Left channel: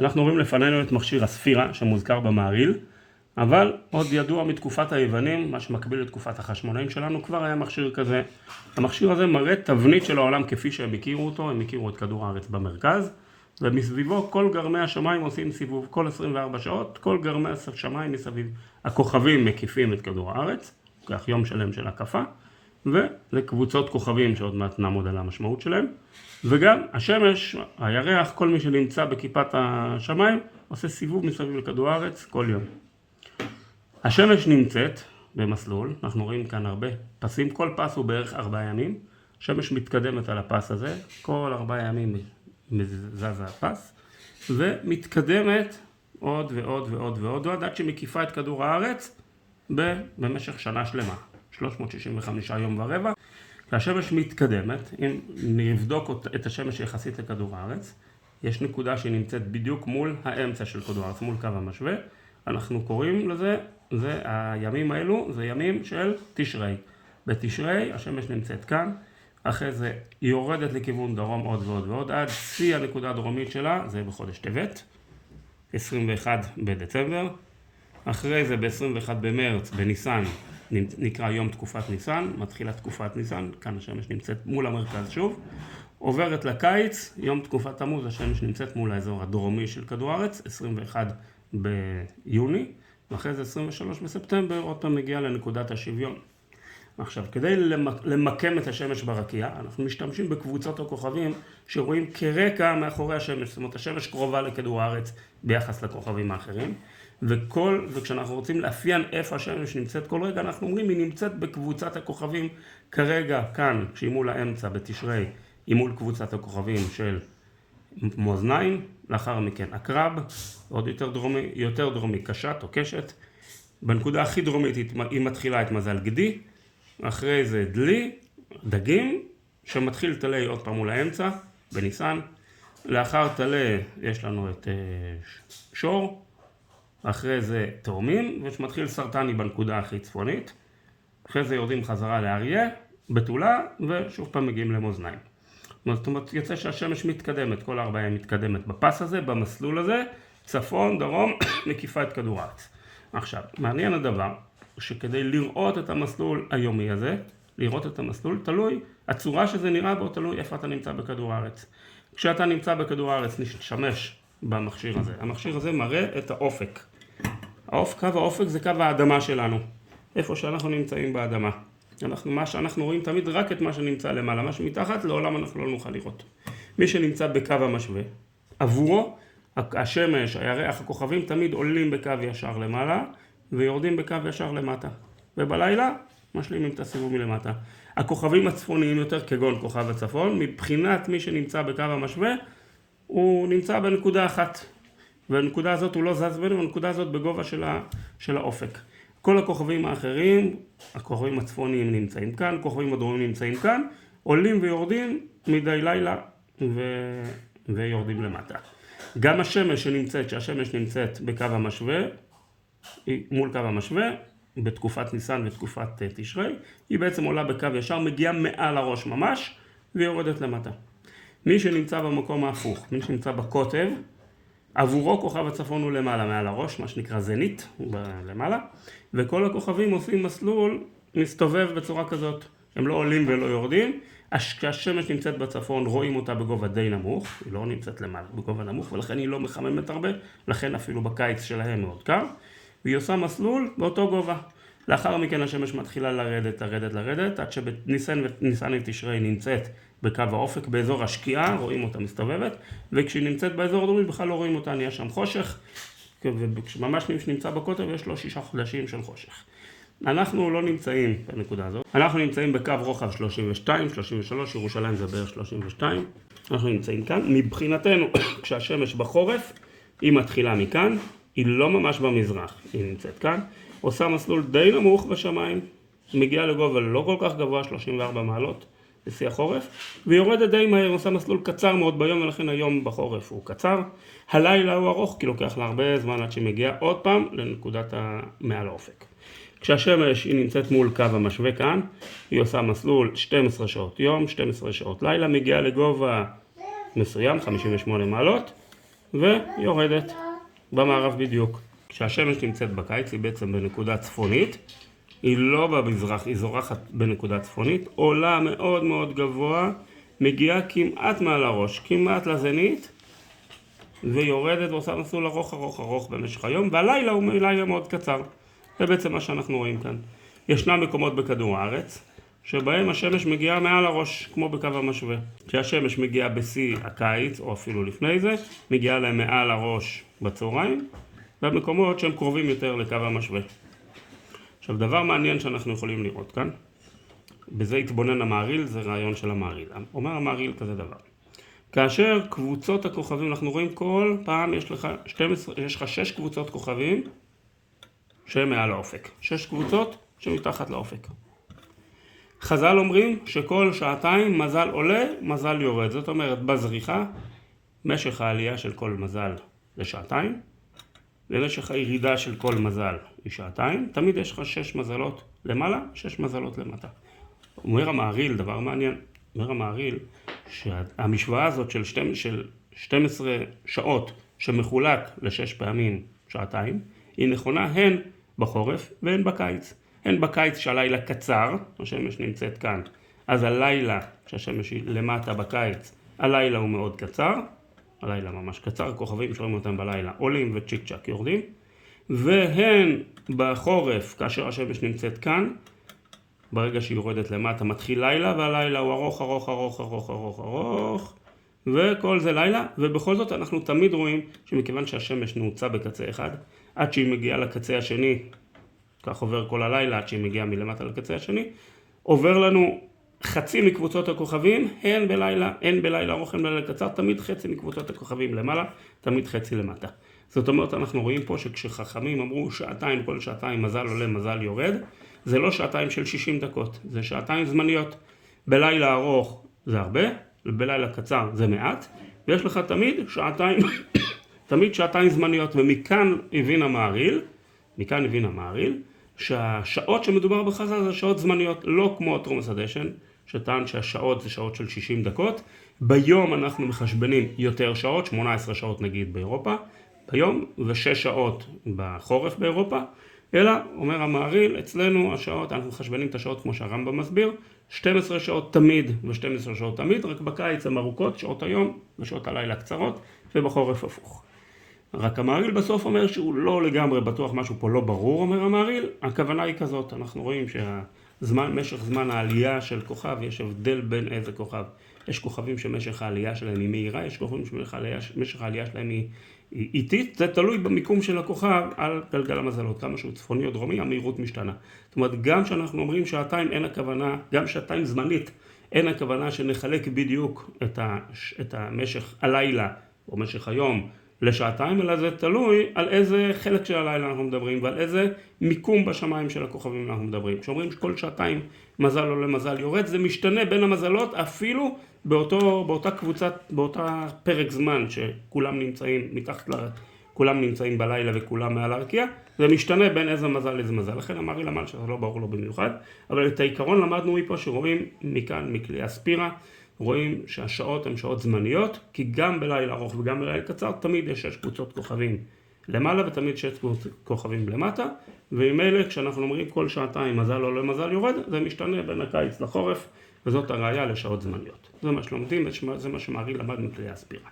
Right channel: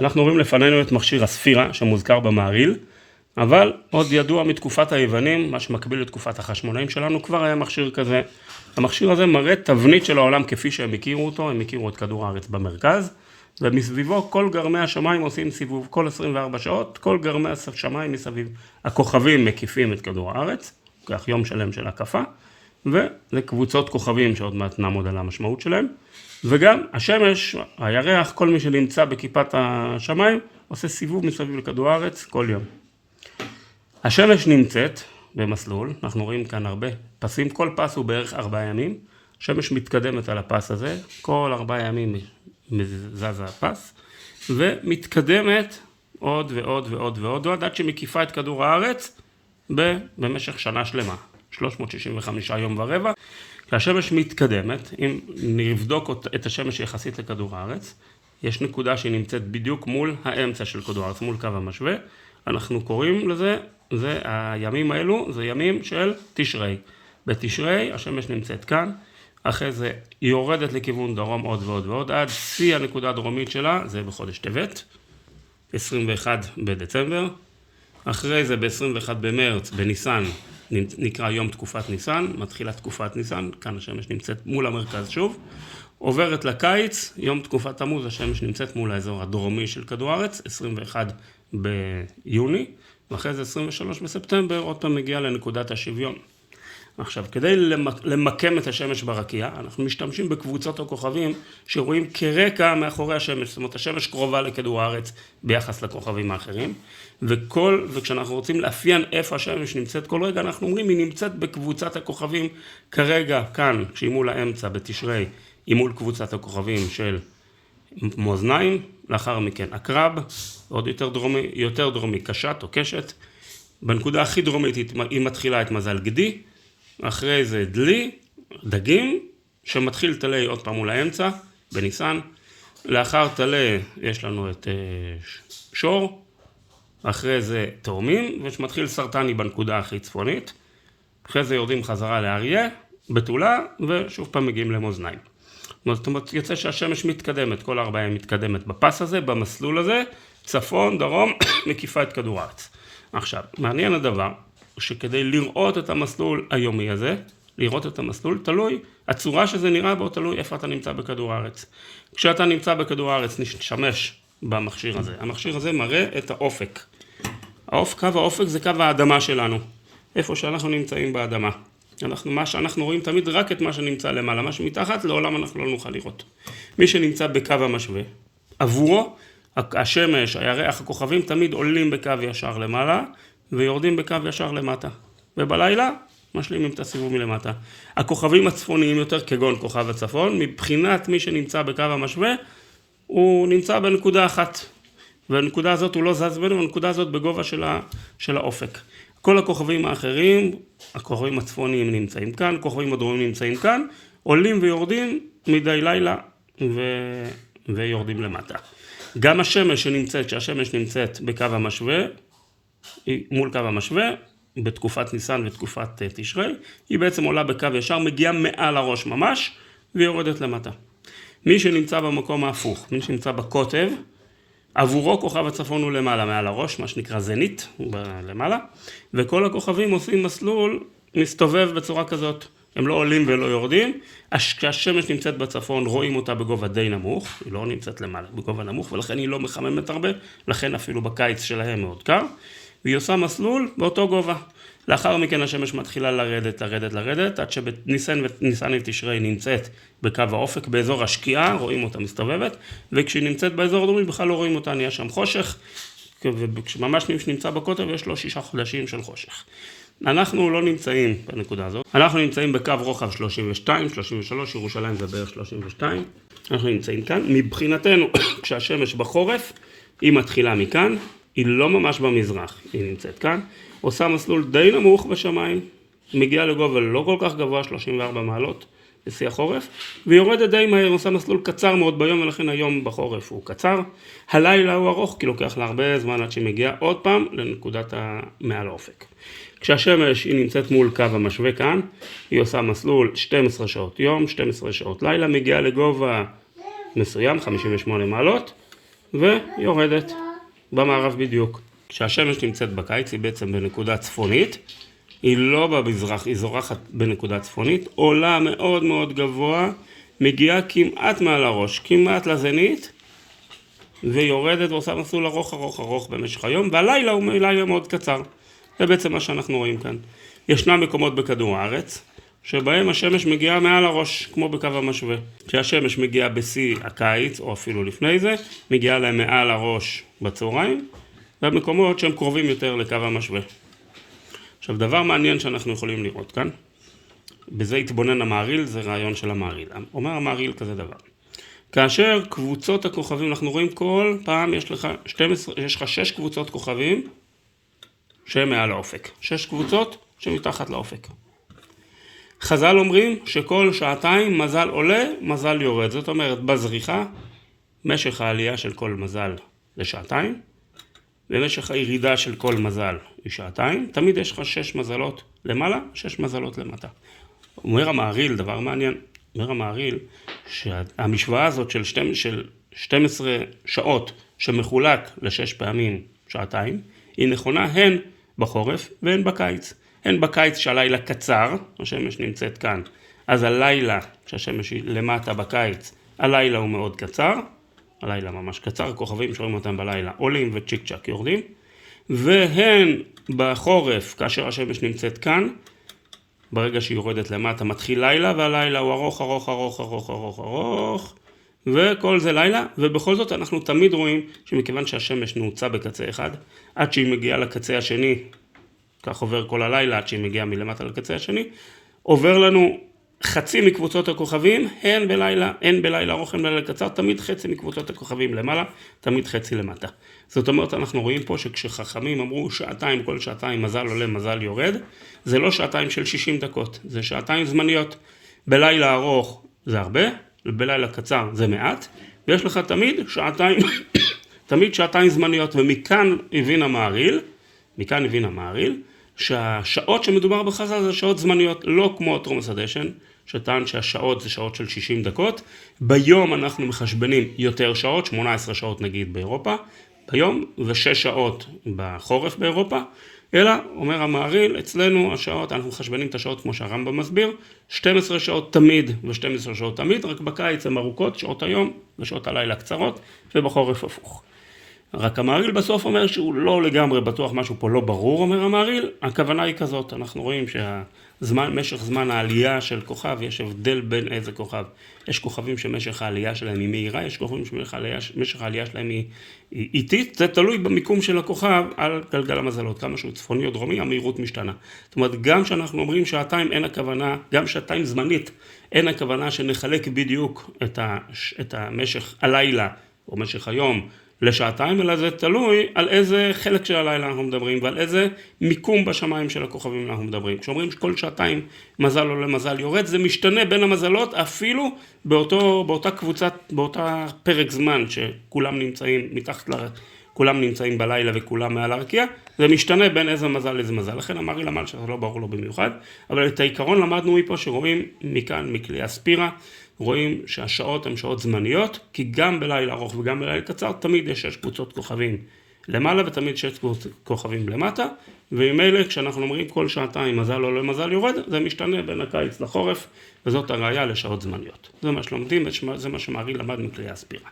אנחנו רואים לפנינו את מכשיר הספירה שמוזכר במעריל, אבל עוד ידוע מתקופת היוונים, מה שמקביל לתקופת החשמונאים שלנו, כבר היה מכשיר כזה. המכשיר הזה מראה תבנית של העולם כפי שהם הכירו אותו, הם הכירו את כדור הארץ במרכז, ומסביבו כל גרמי השמיים עושים סיבוב כל 24 שעות, כל גרמי השמיים מסביב. הכוכבים מקיפים את כדור הארץ, כך יום שלם של הקפה, וזה קבוצות כוכבים שעוד מעט נעמוד על המשמעות שלהם, וגם השמש, הירח, כל מי שנמצא בכיפת השמיים, עושה סיבוב מסביב לכדור הארץ כל יום. השמש נמצאת במסלול, אנחנו רואים כאן הרבה פסים, כל פס הוא בערך 4 ימים, השמש מתקדמת על הפס הזה, כל 4 ימים זז הפס, ומתקדמת עוד ועוד ועוד ועוד עד שמקיפה את כדור הארץ במשך שנה שלמה, 365 יום ורבע. כשהשמש מתקדמת, אם נבדוק את השמש יחסית לכדור הארץ, יש נקודה שהיא נמצאת בדיוק מול האמצע של כדור הארץ, מול קו המשווה, אנחנו קוראים לזה, הימים האלו, זה ימים של תשרי. בתשרי השמש נמצאת כאן, אחרי זה היא יורדת לכיוון דרום עוד ועוד ועוד, עד שיא הנקודה הדרומית שלה, זה בחודש טבת, 21 בדצמבר, אחרי זה ב-21 במרץ, בניסן, נקרא יום תקופת ניסן, מתחילה תקופת ניסן, כאן השמש נמצאת מול המרכז שוב, עוברת לקיץ, יום תקופת תמוז, השמש נמצאת מול האזור הדרומי של כדור הארץ, 21 ביוני, ואחרי זה 23 בספטמבר, עוד פעם מגיע לנקודת השוויון. עכשיו, כדי למקם את השמש ברקיע, אנחנו משתמשים בקבוצות הכוכבים שרואים כרקע מאחורי השמש, זאת אומרת, השמש קרובה לכדור הארץ ביחס לכוכבים האחרים, וכשאנחנו רוצים לאפיין איפה השמש נמצאת כל רגע, אנחנו אומרים, היא נמצאת בקבוצת הכוכבים כרגע, כאן, כשהיא מול האמצע בתשרי, היא מול קבוצת הכוכבים של מאזניים, לאחר מכן עקרב, עוד יותר דרומי קשת או קשת, בנקודה הכי דרומית היא מתחילה את מזל גדי, אחרי זה דלי, דגים, שמתחיל תלי עוד פעם מול האמצע, בניסן, לאחר תלי יש לנו את שור, אחרי זה תאומים, ושמתחיל סרטני בנקודה הכי צפונית, אחרי זה יורדים חזרה לאריה, בתולה, ושוב פעם מגיעים למאזניים. זאת אומרת, יוצא שהשמש מתקדמת, כל 4 ימים מתקדמת בפס הזה, במסלול הזה, צפון, דרום, מקיפה את כדור הארץ. עכשיו, מעניין הדבר, שכדי לראות את המסלול היומי הזה, לראות את המסלול, תלוי, הצורה שזה נראה בו, תלוי איפה אתה נמצא בכדור הארץ. כשאתה נמצא בכדור הארץ, נשתמש במכשיר הזה. המכשיר הזה מראה את האופק. קו האופק זה קו האדמה שלנו, איפה שאנחנו נמצאים באדמה. מה שאנחנו רואים תמיד רק את מה שנמצא למעלה, מה שמתחת, לעולם אנחנו לא נוכל לראות. מי שנמצא בקו המשווה, עבורו, השמש, הירח, הכוכבים תמיד עולים בקו ישר למעלה, ויורדים בקו ישר למטה. ובלילה, משלימים את הסיבוב מלמטה. הכוכבים הצפוניים יותר כגון כוכב הצפון, מבחינת מי שנמצא בקו המשווה, הוא נמצא בנקודה אחת. והנקודה הזאת הוא לא זז בינו, הנקודה הזאת בגובה של האופק. כל הכוכבים האחרים, הכוכבים הצפוניים נמצאים כאן, הכוכבים הדרומיים נמצאים כאן, עולים ויורדים מדי לילה ויורדים למטה. גם השמש שהשמש נמצאת בקו המשווה, מול קו המשווה, בתקופת ניסן ותקופת תשרי, היא בעצם עולה בקו ישר, מגיעה מעל הראש ממש, ויורדת למטה. מי שנמצא במקום ההפוך, מי שנמצא בקוטב, עבורו כוכב הצפון הוא למעלה, מעל הראש, מה שנקרא זנית, למעלה, וכל הכוכבים עושים מסלול, מסתובב בצורה כזאת, הם לא עולים ולא יורדים, כשהשמש נמצאת בצפון רואים אותה בגובה די נמוך, היא לא נמצאת למעלה, בגובה נמוך, ולכן היא לא מחממת הרבה, לכן אפילו בקיץ שלהם מאוד קר, והיא עושה מסלול באותו גובה. לאחר מכן השמש מתחילה לרדת, עד שבניסן ותשרי נמצאת בקו האופק, באזור השקיעה, רואים אותה מסתובבת, וכשהיא נמצאת באזור הדרומי בכלל לא רואים אותה, נהיה שם חושך, וממש מי שנמצא בקוטב יש לו 6 חודשים של חושך. אנחנו לא נמצאים בנקודה הזאת, אנחנו נמצאים בקו רוחב 32, 33, ירושלים זה בערך 32, אנחנו נמצאים כאן, מבחינתנו כשהשמש בחורף, היא מתחילה מכאן, היא לא ממש במזרח, היא נמצאת כאן, עושה מסלול די נמוך בשמיים, מגיעה לגובה לא כל כך גבוה, 34 מעלות בשיא החורף, ויורדת די מהר, עושה מסלול קצר מאוד ביום, ולכן היום בחורף הוא קצר, הלילה הוא ארוך, כי לוקח לה הרבה זמן עד שהיא מגיעה עוד פעם לנקודת מעל האופק. כשהשמש היא נמצאת מול קו המשווה כאן, היא עושה מסלול 12 שעות יום, 12 שעות לילה, מגיעה לגובה מסוים, 58 מעלות, ויורדת במערב בדיוק. כשהשמש נמצאת בקיץ היא בעצם בנקודה צפונית, היא לא במזרח, היא זורחת בנקודה צפונית, עולה מאוד מאוד גבוה, מגיעה כמעט מעל הראש, כמעט לזנית, ויורדת ועושה מסלול ארוך ארוך ארוך במשך היום, והלילה הוא לילה מאוד קצר. זה בעצם מה שאנחנו רואים כאן. ישנם מקומות בכדור הארץ, שבהם השמש מגיעה מעל הראש, כמו בקו המשווה. כשהשמש מגיעה בשיא הקיץ, או אפילו לפני זה, מגיעה להם מעל הראש בצהריים, במקומות שהם קרובים יותר לקו המשווה. עכשיו, דבר מעניין שאנחנו יכולים לראות כאן, בזה התבונן המעריל, זה רעיון של המעריל. אומר המעריל כזה דבר. כאשר קבוצות הכוכבים, אנחנו רואים כל פעם יש לך 6 קבוצות כוכבים שהן מעל האופק. 6 קבוצות שמתחת לאופק. חז"ל אומרים שכל שעתיים מזל עולה, מזל יורד. זאת אומרת, בזריחה, משך העלייה של כל מזל זה שעתיים, ומשך הירידה של כל מזל היא שעתיים. תמיד יש לך 6 מזלות למעלה, 6 מזלות למטה. אומר המעריל, דבר מעניין, אומר המעריל, שהמשוואה הזאת של 12 שעות שמחולק ל6 פעמים שעתיים, היא נכונה הן בחורף והן בקיץ. הן בקיץ שהלילה קצר, השמש נמצאת כאן, אז הלילה, כשהשמש היא למטה בקיץ, הלילה הוא מאוד קצר, הלילה ממש קצר, הכוכבים שרואים אותם בלילה עולים וצ'יק צ'ק יורדים, והן בחורף, כאשר השמש נמצאת כאן, ברגע שהיא יורדת למטה מתחיל לילה, והלילה הוא ארוך ארוך ארוך ארוך ארוך ארוך, וכל זה לילה, ובכל זאת אנחנו תמיד רואים שמכיוון שהשמש נעוצה בקצה אחד, עד שהיא מגיעה לקצה השני, כך עובר כל הלילה עד שהיא מגיעה מלמטה לקצה השני, עובר לנו חצי מקבוצות הכוכבים, הן בלילה ארוך, הן בלילה קצר, תמיד חצי מקבוצות הכוכבים למעלה, תמיד חצי למטה. זאת אומרת, אנחנו רואים פה שכשחכמים אמרו שעתיים, כל שעתיים מזל עולה, מזל יורד, זה לא שעתיים של 60 דקות, זה שעתיים זמניות. בלילה ארוך זה הרבה, בלילה קצר זה מעט, ויש לך תמיד שעתיים זמניות, ומכאן הבין המעריל, שהשעות שמדובר בחז"ל זה שעות זמניות, לא כמו תרומס הדשן, שטען שהשעות זה שעות של 60 דקות. ביום אנחנו מחשבנים יותר שעות, 18 שעות נגיד באירופה, ביום, ו6 שעות בחורף באירופה, אלא, אומר המעריל, אצלנו השעות, אנחנו מחשבנים את השעות כמו שהרמב"ם מסביר, 12 שעות תמיד ו12 שעות תמיד, רק בקיץ הן ארוכות, שעות היום ושעות הלילה קצרות, ובחורף הפוך. רק המעריל בסוף אומר שהוא לא לגמרי בטוח, משהו פה לא ברור, אומר המעריל, הכוונה היא כזאת, אנחנו רואים משך זמן העלייה של כוכב, יש הבדל בין איזה כוכב. יש כוכבים שמשך העלייה שלהם היא מהירה, יש כוכבים שמשך העלייה שלהם היא איטית, זה תלוי במיקום של הכוכב על גלגל המזלות, כמה שהוא צפוני או דרומי, המהירות משתנה. זאת אומרת, גם שאנחנו אומרים שעתיים אין הכוונה, גם שעתיים זמנית, אין הכוונה שנחלק בדיוק את המשך הלילה או משך היום לשעתיים, אלא זה תלוי על איזה חלק של הלילה אנחנו מדברים ועל איזה מיקום בשמיים של הכוכבים אנחנו מדברים. כשאומרים שכל שעתיים מזל עולה מזל יורד, זה משתנה בין המזלות אפילו באותה פרק זמן שכולם נמצאים כולם נמצאים בלילה וכולם מעל הרקיע, זה משתנה בין איזה מזל לאיזה מזל. לכן המעריל אמר שזה לא ברור לו במיוחד, אבל את העיקרון למדנו מפה שרואים מכאן, מכלי הספירה, רואים שהשעות הן שעות זמניות, כי גם בלילה ארוך וגם בלילה קצר תמיד יש 6 קבוצות כוכבים למעלה ותמיד 6 כוכבים למטה, וממילא כשאנחנו אומרים כל שעתיים מזל עולה מזל יורד, זה משתנה בין הקיץ לחורף, וזאת הראיה לשעות זמניות. זה מה שלומדים, זה מה שמעריל למד מכלי הספירה.